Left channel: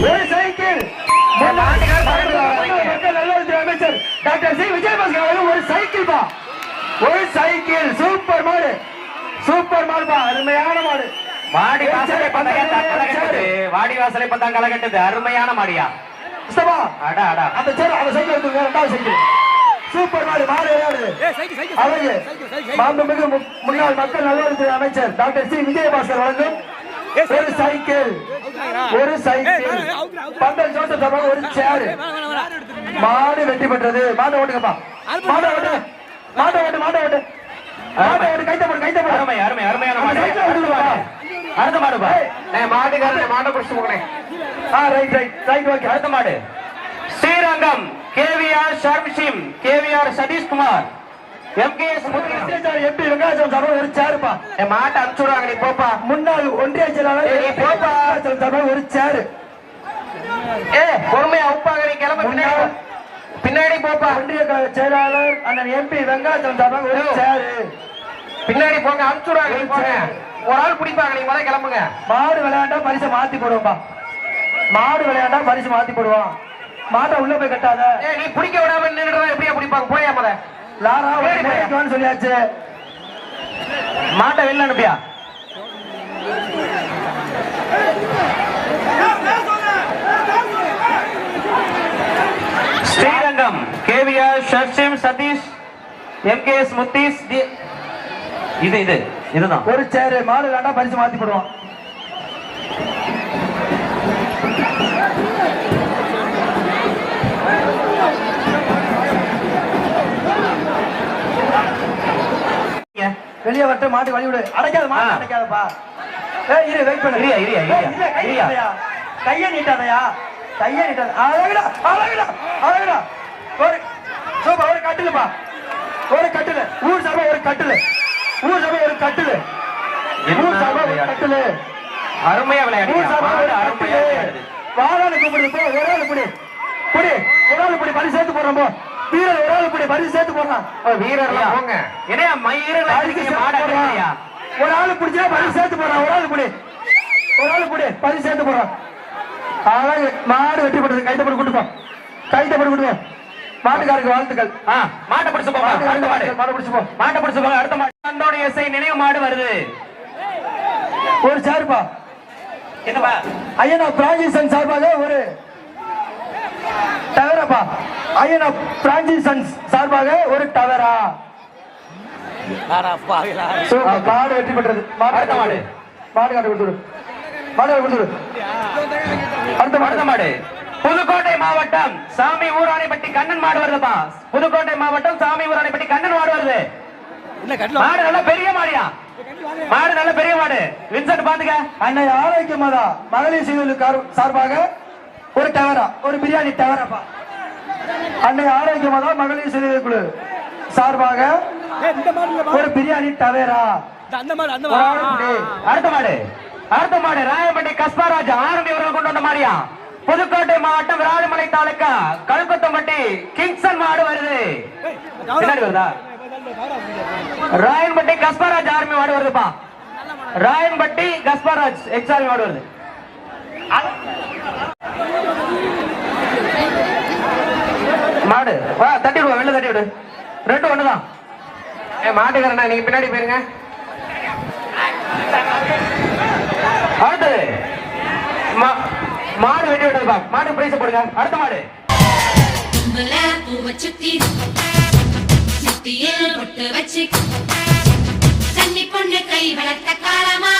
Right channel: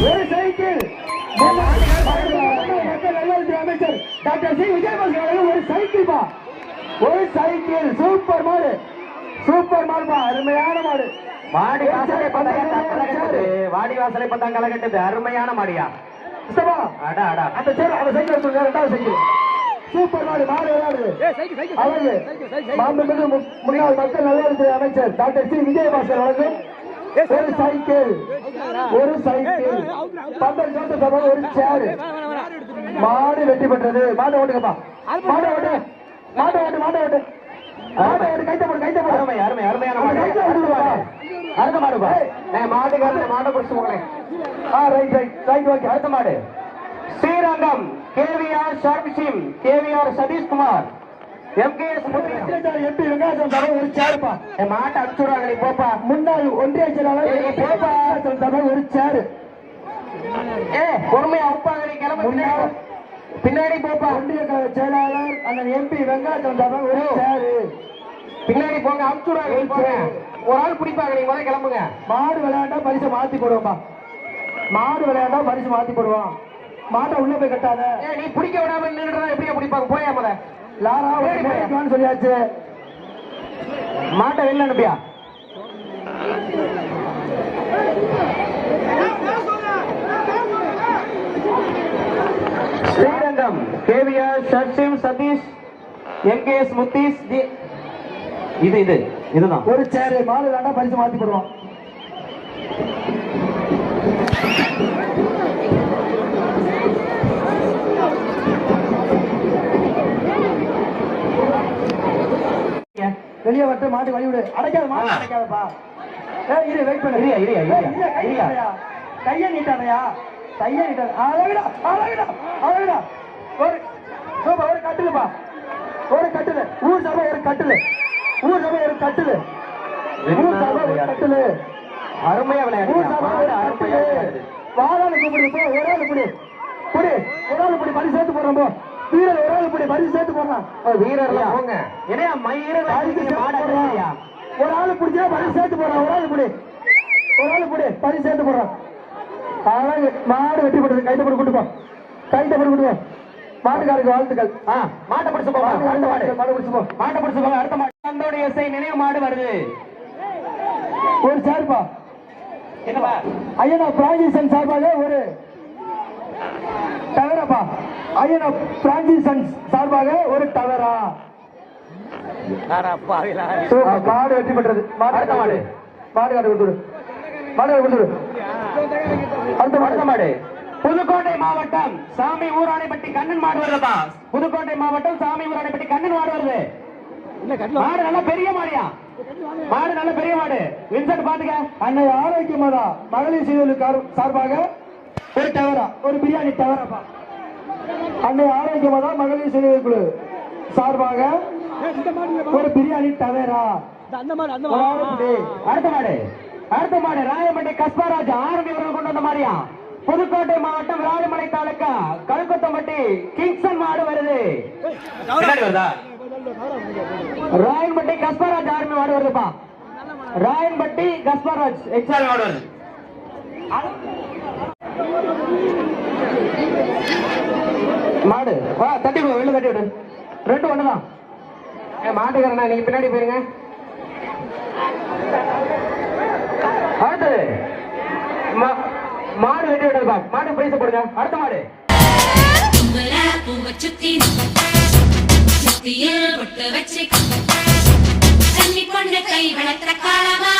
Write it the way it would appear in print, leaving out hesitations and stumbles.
ஒரு சைக்கிள் அமைச்சர் doctor C Vijayabaskar ஒரு சைக்கிள் பா, ஒரு சைக்கிள். சூப்பர் மாடு, சூப்பர் மாடுப்பா, அருமையான மாடு. வாடி வாசலை கலகட்டுது, வாடி வாசலை பத்தாம் கலகட்டுது, அருமையான மாடியா. அடா அடா அந்த சரி அந்த சைக்கிள் எடுத்து ரெண்டாவது சைக்கிள். சூப்பர் மாடு, மாடு விளையாடுது. மாண்புமிகு முன்னாள் மக்கள் நல்வாழ்வுத்துறை அமைச்சர் டாக்டர் சி விஜயபாஸ்கர் வழங்கும் ஒரு சைக்கிள், ஒரு சைக்கிள். பந்தல் ஜோசப் சபா ஒரு சேர். மாடு வெற்றி பெற்றது. மாடு ஓட்டுங்கப்பா, மாடு ஓட்டு, மாடு ஓட்டு, மாடு ஓட்டு, மாடு ஓட்டு. கைத்தப்படு, கைத்தப்படு. அருமை அருமை அருமையான மாடு. அடுத்த மாடுப்பா, மாட்டுக்காரன் மாட்டை பிடிச்சு போகிறேன். Right right right okay. அடுத்த மாடு ஸ்ரீரங்கம் கேவிஆர் ஷார்மிஷிம், கேவிஆர் சதீஷ்குமார், எம்கேஎஸ் எம்பி வெங்காயம் சபா ஒரு சேர்ப்பா. மாட்டை அனுப்பிச்சு விடுவாங்க, நீ போப்பா. முன்னாள் ஒன்றிய செயலாளர் போப்பா சபா ஒரு சேர். பொறுமையா அவுப்பாங்க, நீ கிளம்ப பின்னாடி போப்பா. ஒன்றிய செயலாளர் அண்ணன் எம்பி வெங்காயம் சபா ஒரு சேர். பின்னாடி போங்க, அனுப்பிச்சு விடுவாங்க. ஒரு ஆள் பிடிப்பாங்க, நீங்க முதல்ல கிளம்புங்க. மாடு விளையாண்டா பரிசு மாத்தி போடுவோம்பா, மாடு விளையாண்டா பரிசு மாத்தி போடுவான். மாட்டை உள்ள போய் கட்டாத. நீ பிடிக்க விடாம நின்றுடா, எப்படியா பிடிப்பாங்க? போயா முத லாரான்னு சொல்லியாச்சு. மாட்டை வெளில அனுப்பியா? ஸ்ரீரங்கம் கேவிஆர் ஷர்ஷிம் சதீஷ், எம்கேஎஸ் முத்தீஸ். இதுதான் ஒரு சேரு. மாடு விளையாண்டா பரிசு மாத்தி போடுவான். வெளியே வட்டு மாட்டு வழி விடு. அடைக்காத மாடு, அடைக்காதப்பா. இரு வெயிட் பண்ணு. கைய நீட்டாதையா, கைய நீட்டாத. அழகுடா அழகுடா அழகுடா. ஒரு சூப்பர், ஒரு கட்டிலுப்பா, ஒரு கட்டிலு. ஊர் சபை ஒரு கட்டிலு, ஊர் சபை ஒரு கட்டிலு, ஊர் சபை ஒரு கட்டிலு. அருமையா விளையாடு. வாரான கூப்பிடு, போ. ஒரு ஆள் புடி புடி, ஒரு ஆள் புடி, பரிசு சேர்த்து போடுறோம். போ வீரர், ஒரு ஆள் புடி, பரிசு சேர்த்து போடுறான். வீரர் போங்க. என்ன ஒரு ஆள் பிடிச்சா பரிசு சேர்த்து போடுறான். ஒரு ஆள் புடி, ஒரு ஆள் புடி, பரிசு சேர்த்து போடுறான். மாடு வெற்றி போடுறது. கைத்தப்படி கூட்டுப்போம், கைத்தப்படி கூட்டுவோம். மாட்டுக்காருக்கு வாழ்த்துக்கள். மாட்டை பிடிச்சு போ, மாட்டை பிடிச்சு போ, மாட்டை பிடிச்சு போ. அடுத்த மாடு அந்தோணி எஸ்ஐ நினைவு மாடு வருது. ஒரு சேர்ப்பா. என்னப்பா? ஐயனா பிரான்சிசன் சார்பாக ஒரு டவரப்பா. ஐயனா பிரான்சிசன் சார்பாக ஒரு டவரா. மாடு வெற்றி பெற்றது. மாடு மாடு மாடு காட்டு கொடுத்துரு, மாடு கொடுத்துரு. அடுத்த மாடு புதுக்கோட்டை மாவட்டம் சாமி ஊராணிப்பட்டி கண்ணன் மாடு வருதுப்பா. புதுக்கோட்டை மாவட்டம் சாமி ஊராணிப்பட்டி கண்ணன் மாடு வருது. மாடு நல்ல பெரிய மாடியா, மாடு நல்ல பெரிய மாடு. வின்சென்ட் பாத்துக்க. அன்னை ஆரோக்கியமாதா மகளிர் சீர்திருத்த சார்பாக ஒரு டவரா, ஒரு பிரியாணி டவரப்பா. அன்னை ஆரோக்கியமாதா மகளிர் சீர்திருத்த குழு சார்பாக ஒரு பிரியாணி டவரா. அடுத்த மாடு, அடுத்த மாடு ராயப்பட்டி கஸ்பாராஜ் ஆரம்பி அவர்கள் கொண்டு வந்த மாடியா. புதுக்கோட்டை மாவட்டம் விராலிமலை தாலுக்கா கல்குத்தம்பட்டி கிங்சன் மாடு வருது. வருதா? ராயன்பட்டி கஸ்பாராஜ் ஆர்மி மாடு வருதுப்பா. ராயன்பட்டி கஸ்பாராஜ் எக்ஸால் மாடு வருது. மாடு தட்டி விடுவா, வெளில தட்டி விடு. ரெண்டு ஒண்ணுதான். மாட்டுக்காரண்ணா நீங்க பின்னாடி போயிருங்க. அடுத்து மாடு வெட்டி விடுறதுப்பா. மாடு பிரைஸ் போடுங்க. அடுத்த மாடு பொட்டு வச்சு கன்னி பொண்ணு கை வளர்த்த காலமா